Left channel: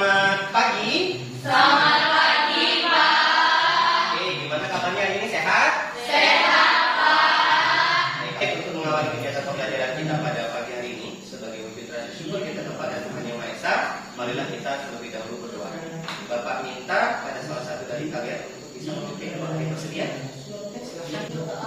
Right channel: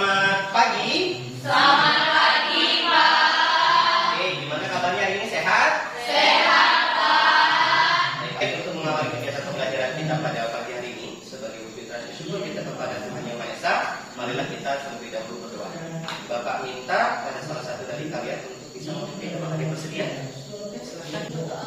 Selamat pagi. Selamat pagi, Pak. Oke, gimana kabarnya hari ini? Sehat? Sehat, Pak. Baik, untuk mengawali kegiatan pembelajaran kita pada pagi hari ini, sebagai wujud rasa syukur kita kepada Tuhan Yang Maha Esa, marilah kita terlebih dahulu berdoa. Bapak minta pada salah satu dari kalian untuk bisa memimpin. Apakah dia bersedia? Silakan. Terima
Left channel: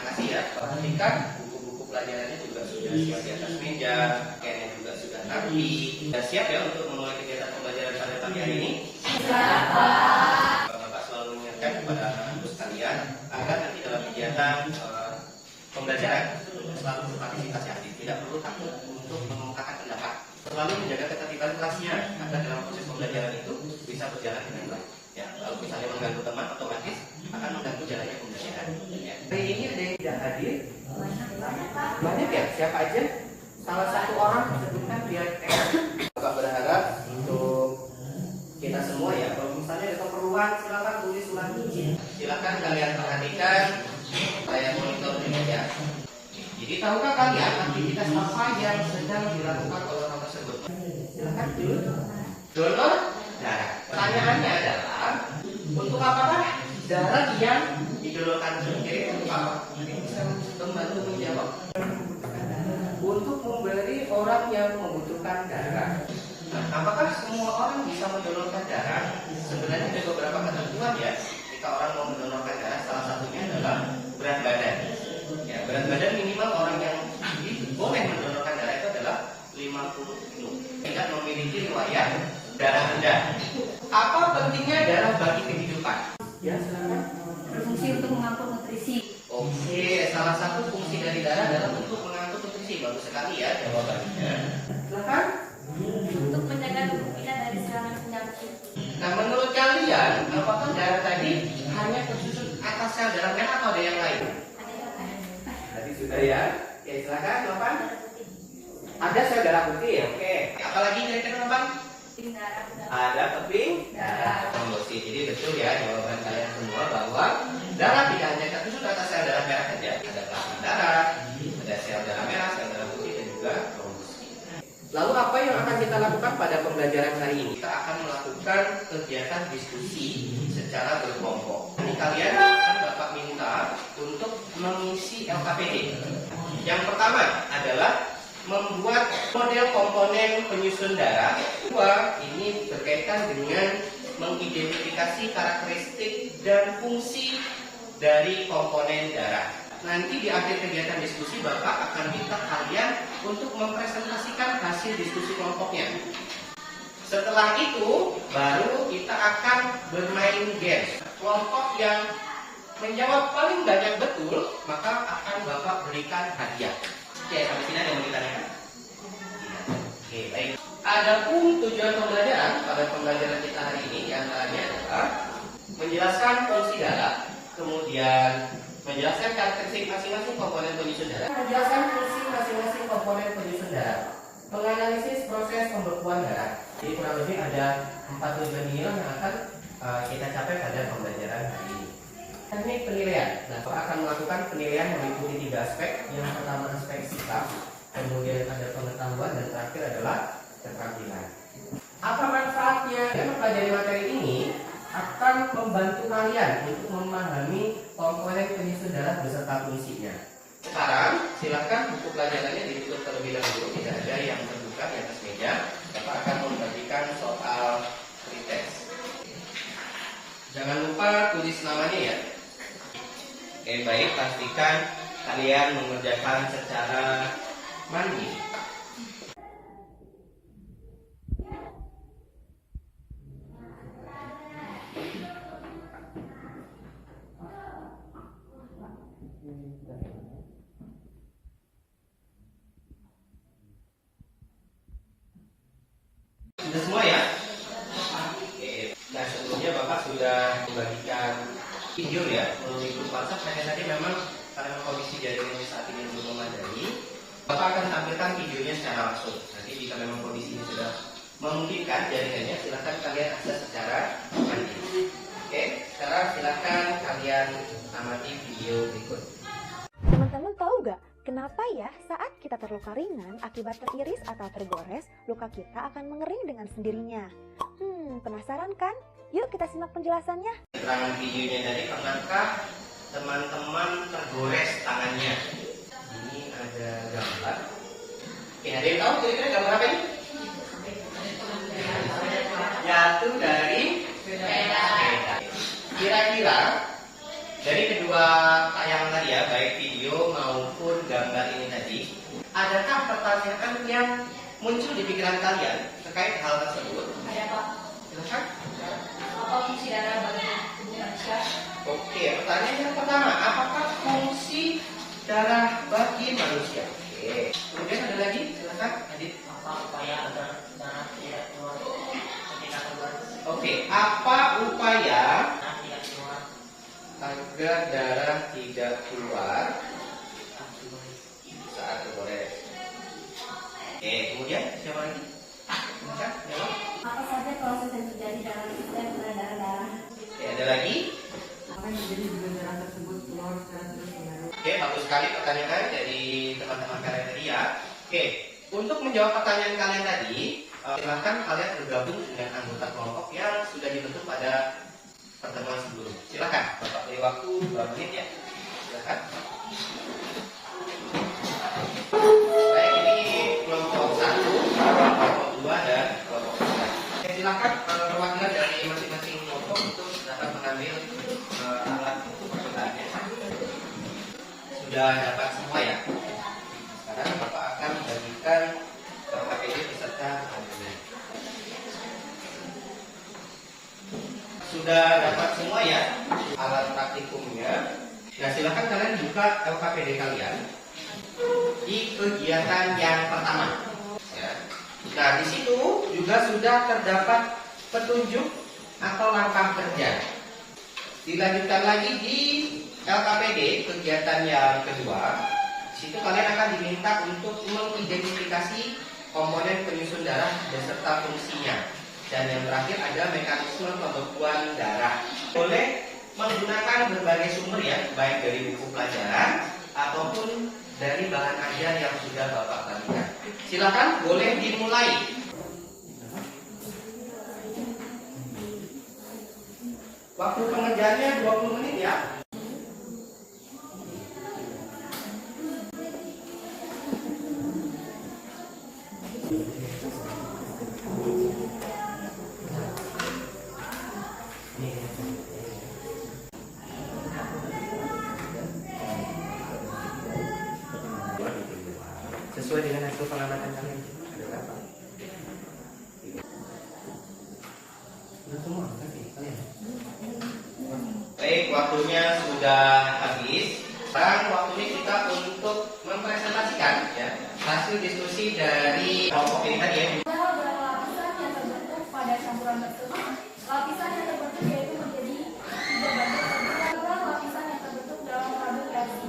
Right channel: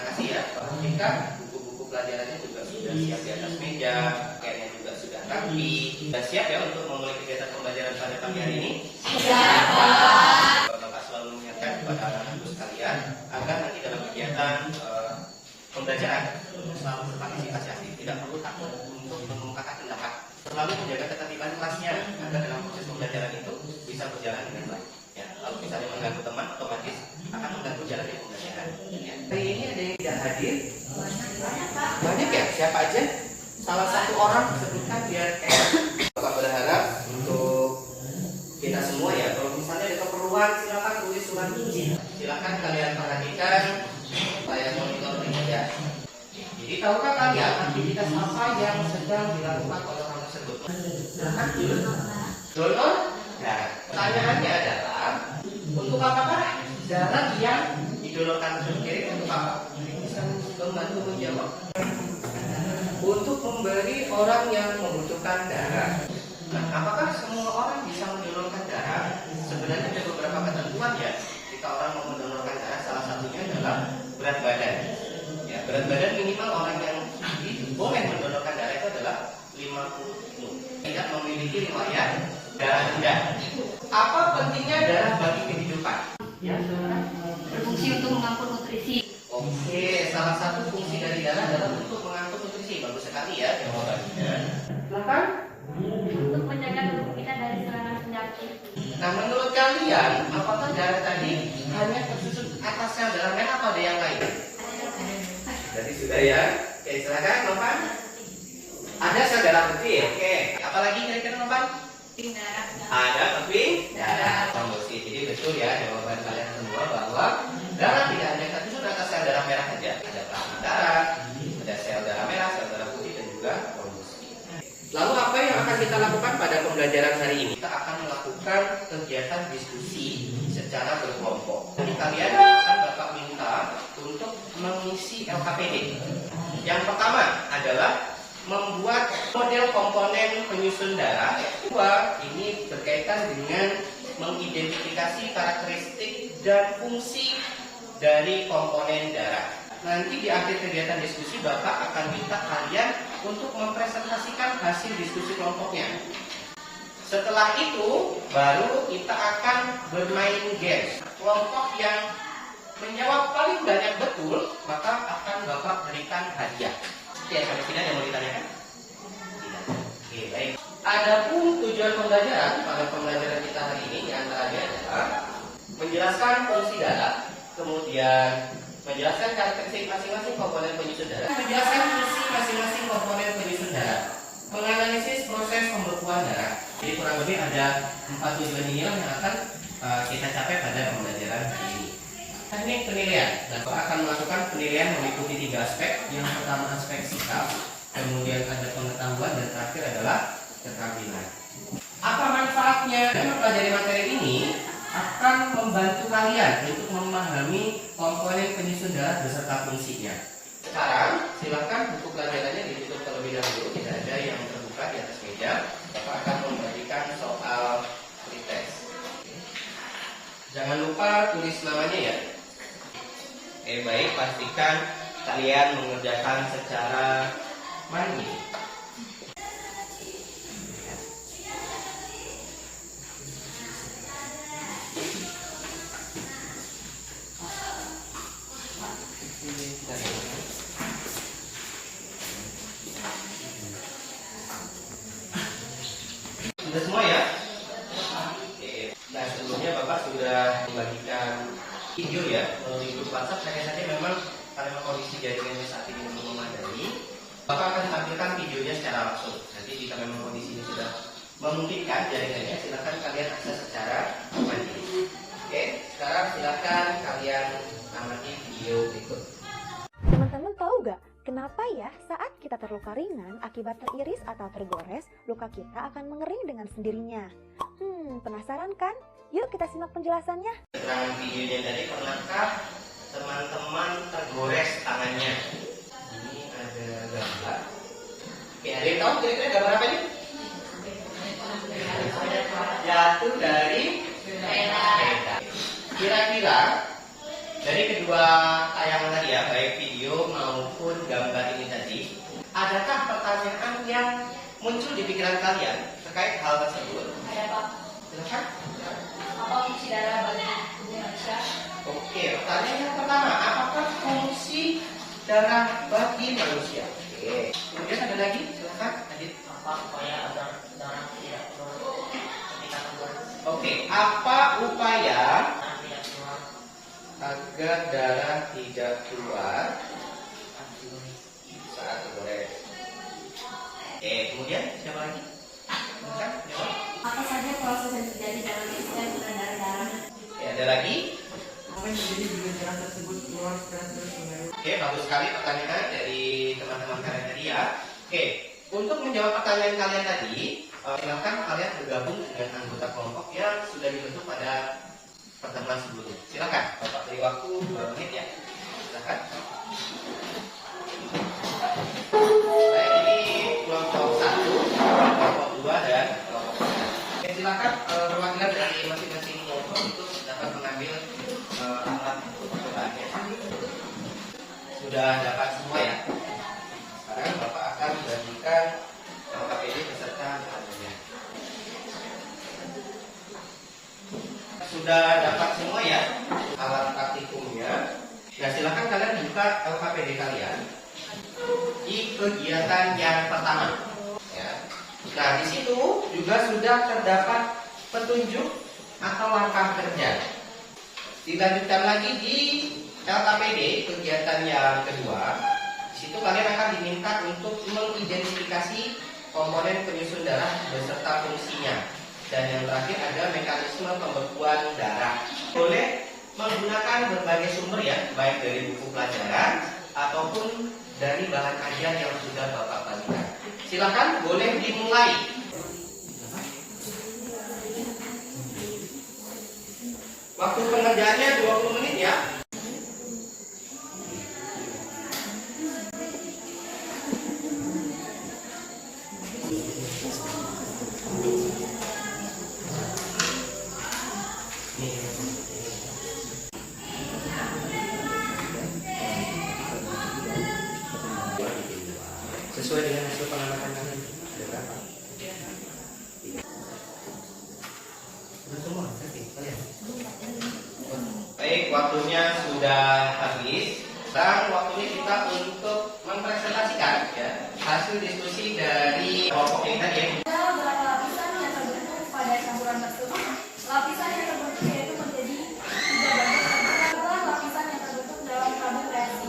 kasih ya. Perhatikan buku-buku pelajarannya juga sudah siap di atas meja, kayaknya juga sudah rapi. Sudah siap ya untuk memulai kegiatan pembelajaran pada pagi hari ini? Siap, Pak. Bapak selalu mengingatkan kepada anak-anak sekalian agar nanti dalam kegiatan pembelajaran selalu berpartisipasi aktif, tidak perlu takut untuk mengungkapkan pendapat. Selalu menjaga ketertiban kelasnya agar dalam proses pembelajaran itu bisa berjalan dengan baik. Ya, kalau misalnya mengganggu teman, otomatis akan mengganggu jalannya pembelajaran. Ya. Hari ini ada yang tidak hadir? Banyak ya? Siapa aja? Salah satu orang sebutkan biar Bapak berharap untuk kita semua ya. Kalau misalnya ada keperluan, silakan tulis surat izin. Silakan kalian perhatikan, saya monitor ini ya. Jadi tahukah kalian aktivitas apa yang sedang dilakukan oleh orang tersebut? Silakan tulis. Donor darah. Pertanyaannya adalah untuk apakah darah yang didonorkan sendiri untuk apa? Bisa membantu menjawab. Untuk memberi orang yang membutuhkan darah. Nah, apakah semua orang bisa mendonorkan darah? Sebenarnya ada beberapa ketentuan ya. Jika orang mau mendonorkan darah, salah satunya adalah berat badan. Ya, berat badan minimal orang yang boleh mendonorkan darah itu adalah 50 kilo. Tidak memiliki riwayat darah rendah. Apa pentingnya darah bagi kehidupan? Ya, Berfungsi untuk mengangkut nutrisi. Oke, salah satu fungsi dari darah adalah untuk mengangkut nutrisi. Bagus sekali ya jawabannya. Silakan. Untuk menjaga tubuh kita dari serangan penyakit. Nah, menurut kalian, apakah darah tadi hanya tersusun atas sel darah merah atau ada yang lain? Tadi sudah ya. Oke, silakan, Novan. Ada sel darah putih, oke. Apalagi kira-kira, Novan? Ada keping darah trombosit. Jadi betul ya jawaban kalian semua bahwa darah tidak hanya tersusun atas sel darah merah saja. Ada plasma darah, ada sel darah merah, sel darah putih dan juga trombosit. Lalu apa yang akan kita lakukan pada pembelajaran hari ini? Kita akan melakukan kegiatan diskusi secara berkelompok. Jadi kalian akan Bapak minta untuk mengisi LKPD. Yang pertama adalah membuat model komponen penyusun darah. Kedua, ini berkaitan dengan mengidentifikasi karakteristik dan fungsi dari komponen darah. Nanti di akhir kegiatan diskusi Bapak akan minta kalian untuk mempresentasikan hasil diskusi kelompoknya. Setelah itu baru kita akan bermain games. Kelompok yang menjawab paling banyak betul maka akan Bapak berikan hadiah. Oke, sampai sini ada yang mau ditanyakan? Tidak. Oke, baik. Adapun tujuan pembelajaran pada pembelajaran kita hari ini antaranya adalah menjelaskan fungsi darah, kemudian menjelaskan karakteristik masing-masing komponen penyusun darah, menjelaskan fungsi masing-masing komponen penyusun darah, menganalisis proses pembekuan darah. Jadi kurang lebih ada 4 tujuan ini yang akan kita capai pada pembelajaran hari ini. Teknik penilaian. Nah, Bapak akan melakukan penilaian meliputi 3 aspek. Yang pertama aspek sikap, kemudian ada pengetahuan, dan terakhir adalah keterampilan. Apa manfaatnya? Mempelajari materi ini akan membantu kalian untuk memahami komponen penyusun darah beserta fungsinya. Sekarang silakan buku pelajarannya ditutup terlebih dahulu. Tidak ada yang terbuka di atas meja. Bapak akan memberikan soal pretest. Jangan lupa tulis namanya ya. Oke, baik, pastikan kalian mengerjakan secara mandiri. Sudah semua ya? Oke. Nah, sebelumnya Bapak sudah membagikan video ya melalui grup WhatsApp. Hanya saja memang karena kondisi jaringannya saat ini belum memadai, Bapak akan tampilkan videonya secara langsung. Nanti jika memang kondisinya sudah memungkinkan jaringannya, silakan kalian akses secara mandiri. Oke, sekarang silakan kalian amati video berikut. Teman-teman tahu gak kenapa ya saat kita terluka ringan akibat teriris atau tergores, luka kita akan mengering dengan sendirinya. Penasaran kan? Yuk kita simak penjelasannya. Keterangan videonya tadi, pernahkah teman-teman tergores tangannya? Ini ada gambar. Oke, ada yang tahu kira-kira gambar apa ini? Jatuh dari sepeda. Kira-kira dari kedua tayangan tadi ya, baik video maupun gambar ini tadi, adakah pertanyaan yang muncul di pikiran kalian terkait hal tersebut? Ada Pak. Silakan. Apa fungsi darah bagi tubuh manusia? Oke, pertanyaan yang pertama, apakah fungsi darah bagi manusia? Oke. Kemudian ada lagi, silakan, Adit. Apa upaya agar darah tidak keluar ketika tergores? Oke, apa upaya Darah tidak keluar agar darah tidak keluar saat tergores? Oke, kemudian siapa lagi? Silakan, jawab. Apa saja proses yang terjadi dalam sistem berdarah-darah? Oke, ada lagi? apa yang terjadi jika darah tersebut keluar secara terus-menerus? Oke, bagus sekali pertanyaan dari teman-teman kalian tadi ya. Oke, untuk menjawab pertanyaan kalian tadi, silakan kalian bergabung dengan anggota kelompok yang sudah dibentuk pada pertemuan sebelumnya. Silakan, Bapak beri waktu 2 menit ya. Silakan. Baik, ini kelompok 1, kelompok 2 dan kelompok 3. Oke, silakan perwakilan dari masing-masing kelompok untuk dapat mengambil alat perbedaannya. Sudah dapat semua ya. Sekarang Bapak akan membagikan KPD beserta alatnya. Sudah dapat semua ya alat praktikumnya. Nah, silakan kalian buka LKPD kalian di kegiatan yang pertama. Ya. Nah, di situ juga sudah terdapat petunjuk atau langkah kerja. Dilanjutkan lagi di LKPD kegiatan yang kedua. Di situ kalian akan diminta untuk mengidentifikasi komponen penyusun darah beserta fungsinya. Dan yang terakhir ada mekanisme pembekuan darah. Boleh menggunakan berbagai sumber ya, baik dari buku pelajaran ataupun dari bahan ajar yang sudah Bapak bagikan. Silakan, boleh dimulai. Waktu pengerjaannya 20 menit ya. Sesuai dengan hasil pengamatan kalian. Ada berapa? Sudah semua? Oke, kalian. Baik, waktunya sudah habis. Sekarang waktunya kita untuk mempresentasikan ya, hasil diskusi dari kelompok ini tadi ya. Ada beberapa lapisan yang terbentuk pada campuran tersebut. Lapisan yang terbentuk yaitu menjadi 3 bagian terbentuk adalah lapisan yang terbentuk dalam tabel reaksi.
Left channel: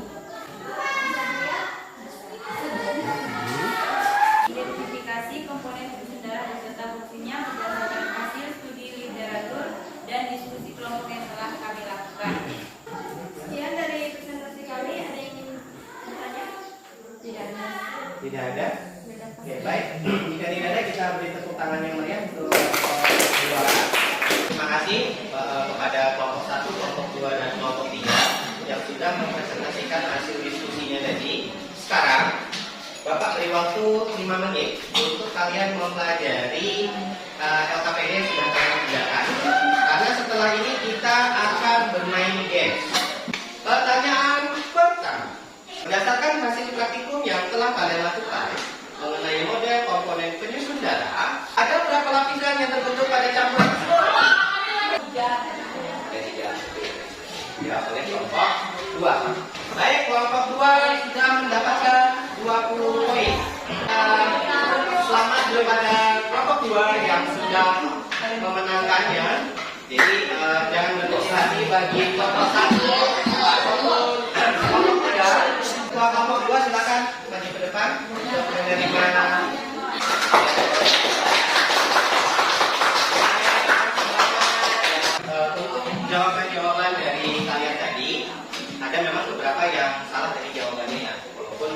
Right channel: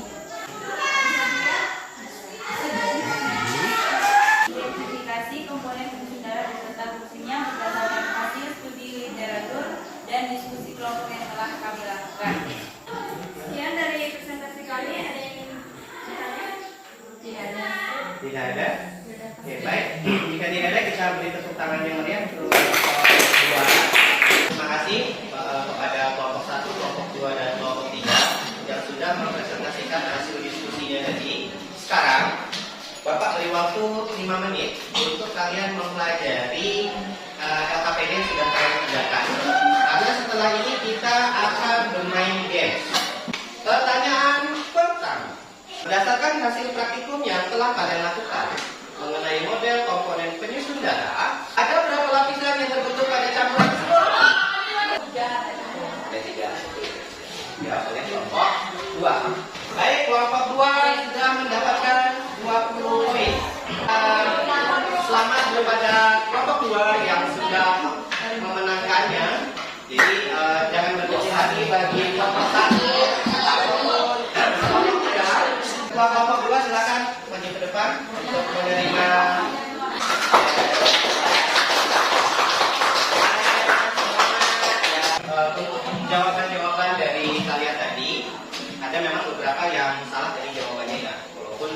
Identifikasi komponen penyusun darah beserta fungsinya berdasarkan hasil studi literatur dan diskusi kelompok yang telah kami lakukan. Sekian dari presentasi kami. Ada yang ingin bertanya? Tidak ada. Tidak ada? Oke, baik. Jika tidak ada, kita beri tepuk tangan yang meriah untuk kelompok 2. Terima kasih kepada kelompok 1, kelompok 2, dan kelompok 3 yang sudah mempresentasikan hasil diskusinya tadi. Sekarang, Bapak beri waktu 5 menit untuk kalian mempelajari LKPD yang sudah kalian kerjakan. Karena setelah ini kita akan bermain game. Pertanyaan pertama. Berdasarkan hasil praktikum yang telah kalian lakukan mengenai model komponen penyusun darah, ada berapa lapisan yang terbentuk pada campuran tersebut? Ada 3. Jawab oleh kelompok 2. Baik, kelompok 2 sudah mendapatkan 20 poin. Selamat kepada kelompok 2 yang sudah memenangkannya. Jadi jangan berkecil hati bagi kelompok 1 ataupun kelompok 3. Kelompok 2 silakan maju ke depan untuk menerima untuk jawaban-jawaban dari kalian tadi. Ada memang beberapa yang salah dari jawabannya ya, walaupun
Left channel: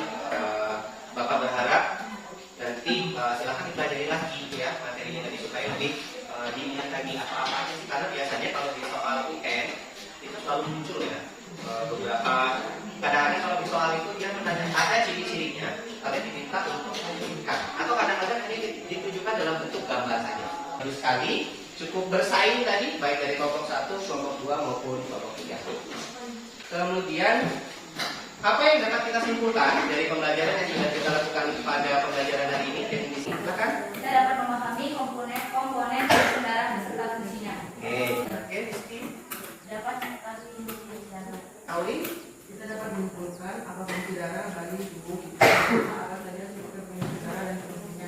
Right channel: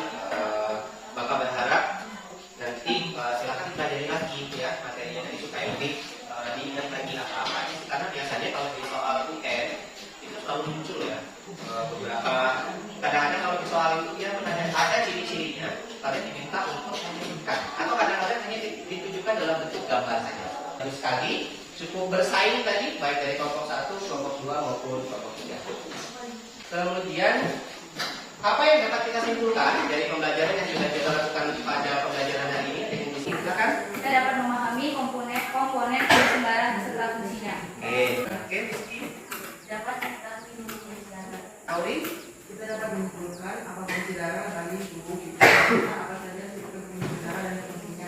Bapak berharap selalu muncul ya. Beberapa kadang-kadang kalau di soal itu dia ada ciri-cirinya, tapi diminta untuk menunjukkan, atau kadang-kadang hanya ditujukan dalam bentuk gambar saja. Harus sekali cukup bersaing tadi, baik dari kelompok 1, kelompok 2 maupun kelompok 3. Kemudian apa yang dapat kita simpulkan dari pembelajaran yang sudah kita lakukan pada pembelajaran hari ini? Silakan. Kita dapat memahami komponen kendaraan beserta fungsinya. Oke, Rizky. Dapat mengetahui fungsi darah. Auri. Kita dapat menyimpulkan apa fungsi darah dari tubuh kita, apa saja sistem fungsi darah dan fungsinya.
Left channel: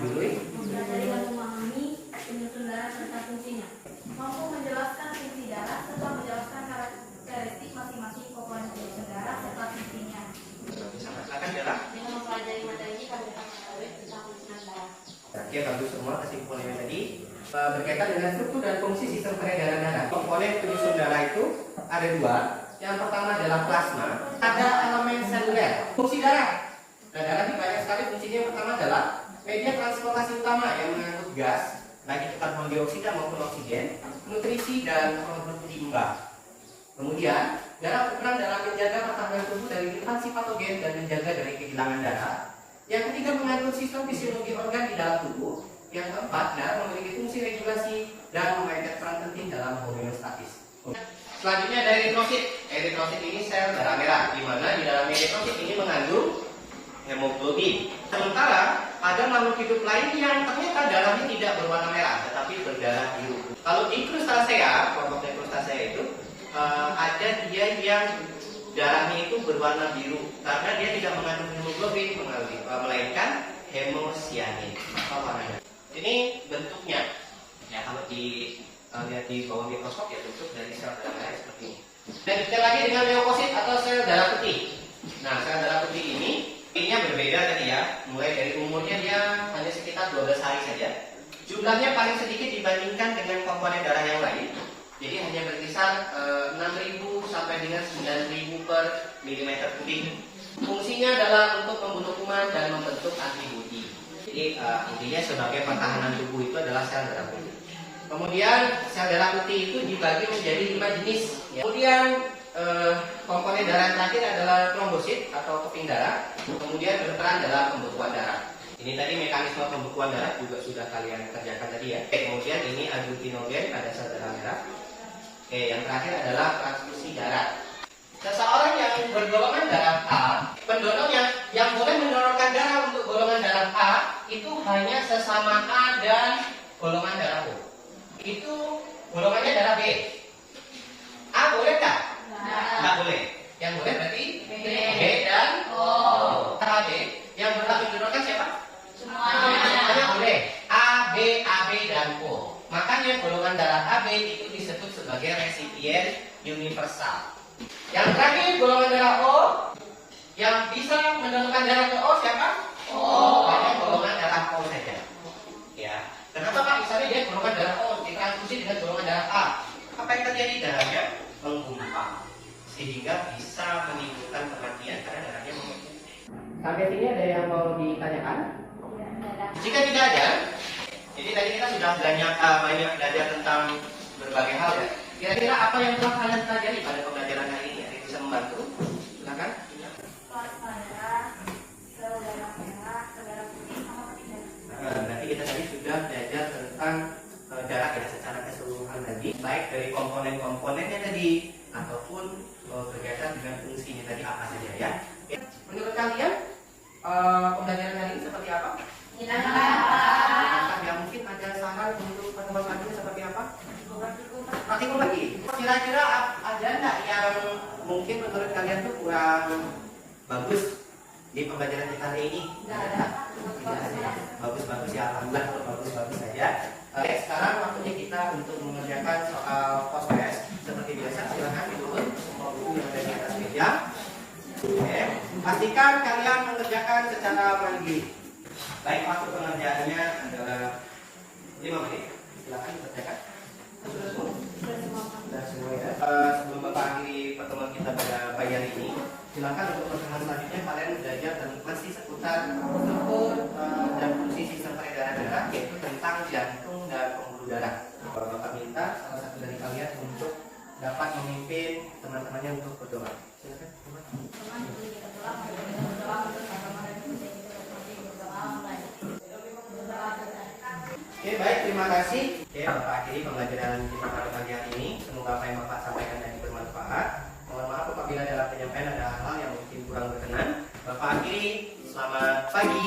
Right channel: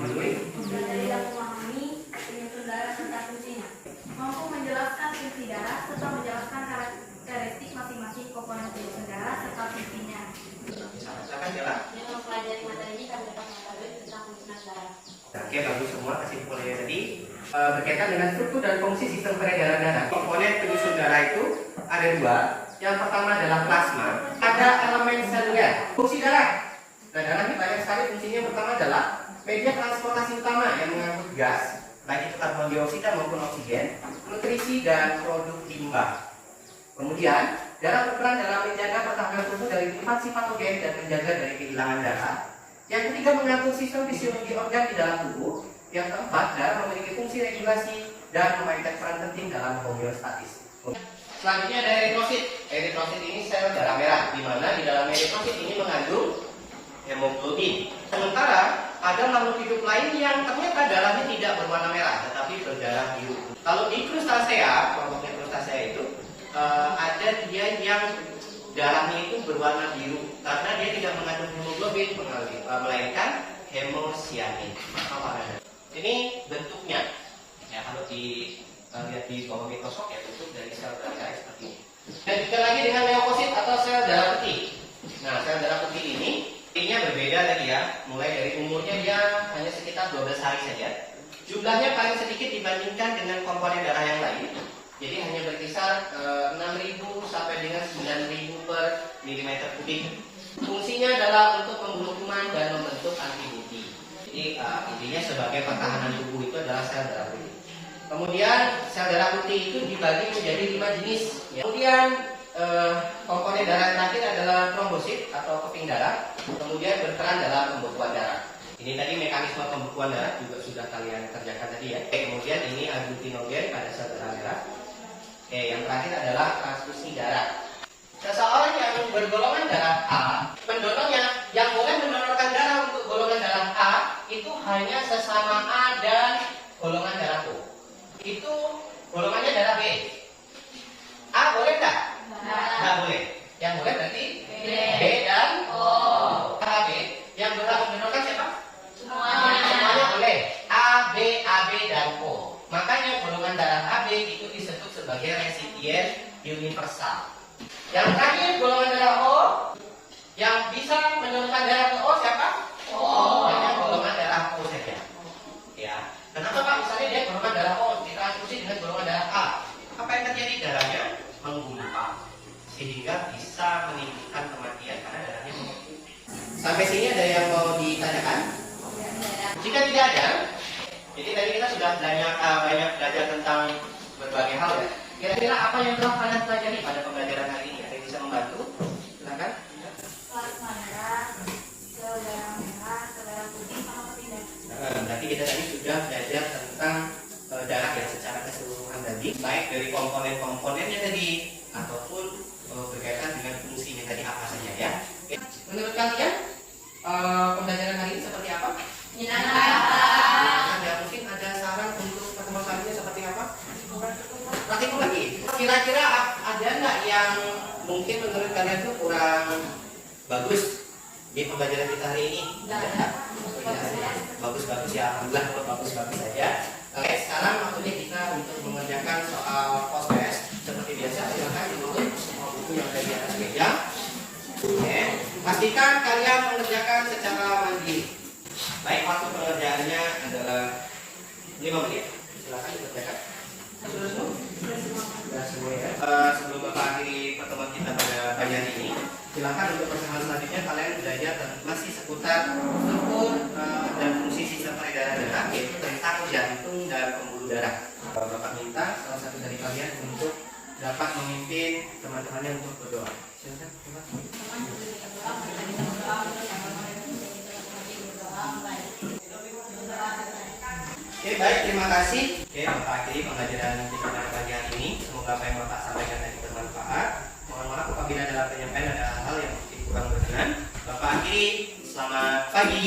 Jului. Mempelajari dan memahami penyusun darah serta fungsinya. Mampu menjelaskan fungsi darah serta menjelaskan karakteristik masing-masing komponen penyusun darah serta fungsinya. Silakan Bella. Dengan mempelajari materi ini kami dapat mengetahui tentang penyusunan darah. Oke, bagus semua kesimpulannya tadi. Berkaitan dengan struktur dan fungsi sistem peredaran darah. Komponen penyusun darah itu ada 2. Yang pertama adalah plasma. Ada elemen seluler. Fungsi darah. Nah, darah ini banyak sekali fungsinya. Yang pertama adalah media transportasi utama yang mengangkut gas, baik itu karbon dioksida maupun oksigen, nutrisi dan produk limbah. Kemudian, darah berperan dalam menjaga pertahanan tubuh dari infeksi patogen dan menjaga dari kehilangan darah. Yang ketiga, mengatur sistem fisiologi organ di dalam tubuh. Yang keempat, darah memiliki fungsi regulasi dan memainkan peran penting dalam homeostatis. Selanjutnya ada eritrosit. Eritrosit ini sel darah merah, di mana di dalam eritrosit ini mengandung hemoglobin. Sementara ada makhluk hidup lain yang ternyata darahnya tidak berwarna merah, tetapi berdarah biru. Kalau di krustasea, kelompok krustasea itu ada dia yang darahnya itu berwarna biru karena dia tidak mengandung hemoglobin, melainkan hemosianin. Apa warnanya? Ini bentuknya. Ya, kalau lihat di bawah mikroskop ya bentuk dari sel darah merah seperti ini. Dan kita lagi dengan leukosit atau sel darah putih. Nah, sel darah putih ini berbeda tadi ya. Mulai dari umurnya dia hanya sekitar 12 hari saja. Jumlahnya paling sedikit dibandingkan dengan komponen darah yang lain. Jadi hanya berkisar 6.000 sampai dengan 9.000 per milimeter kubik. Fungsinya adalah untuk membunuh kuman dan membentuk antibodi. Jadi intinya sebagai pertahanan tubuh itu adalah sel darah putih. Kemudian sel darah putih itu dibagi menjadi 5 jenis. Kemudian komponen darah yang terakhir adalah trombosit atau keping darah. Kemudian berperan dalam pembekuan darah. Ini tadi mekanisme pembekuan darah juga sudah kalian kerjakan tadi ya. Kemudian ini aglutinogen pada sel darah merah. Yang terakhir adalah transfusi darah. Seseorang yang bergolongan darah A, pendonornya yang boleh mendonorkan darah untuk golongan darah A itu hanya sesama A dan golongan darah O. Itu golongannya darah B. A boleh nggak? Nggak boleh. Yang boleh berarti B dan O. AB yang berhak mendonorkan siapa? Semuanya boleh. A, B, AB dan O. Makanya golongan darah AB itu disebut sebagai resipien universal. Yang terakhir golongan darah O yang bisa mendonorkan darah ke O siapa? O. Hanya golongan darah O saja. Ya. Kenapa Pak? Misalnya dia golongan darah O ditransfusi dengan golongan darah A. Apa yang terjadi? Darahnya menggumpal sehingga bisa menimbulkan kematian karena darahnya menggumpal. Sampai sini ada yang mau ditanyakan? Jika tidak ada, jadi tadi kita sudah banyak belajar tentang berbagai hal ya. Kira-kira apa yang telah kalian pelajari pada pembelajaran hari ini? Ada yang bisa membantu? Silakan. Plasma darah, sel darah merah, darah putih, sama keping darah. Berarti kita tadi sudah belajar tentang darah ya secara keseluruhan tadi, baik dari komponen-komponennya tadi ataupun berkaitan dengan fungsinya tadi apa saja ya. Oke. Menurut kalian pembelajaran hari ini seperti apa? Ada mungkin ada saran untuk pertemuan selanjutnya seperti apa? Praktikum lagi. Kira-kira ada nggak yang mungkin menurut kalian tuh kurang bagus di pembelajaran kita hari ini? Bagus-bagus ya, alhamdulillah kalau bagus-bagus saja. Oke, sekarang waktunya kita untuk mengerjakan soal post test. Seperti biasa, silakan ditutup buku yang dari atas meja. Oke, pastikan kalian mengerjakan secara mandiri. Baik, waktu pengerjaannya adalah 5 menit. Silakan dikerjakan. Sudah semua ya. Sebelum mengakhiri pertemuan kita pada pagi hari ini, silakan untuk pertemuan selanjutnya kalian belajar masih seputar struktur dan fungsi sistem peredaran darah, yaitu tentang jantung dan pembuluh darah. Bapak minta salah satu dari kalian untuk dapat memimpin teman-temannya untuk berdoa. Silakan, Bapak. Oke, baik, terima kasih. Oke, Bapak akhiri pembelajaran kita pada pagi hari ini. Semoga apa yang Bapak sampaikan tadi bermanfaat. Mohon maaf apabila dalam penyampaian ada hal yang mungkin kurang berkenan. Bapak akhiri, selamat pagi.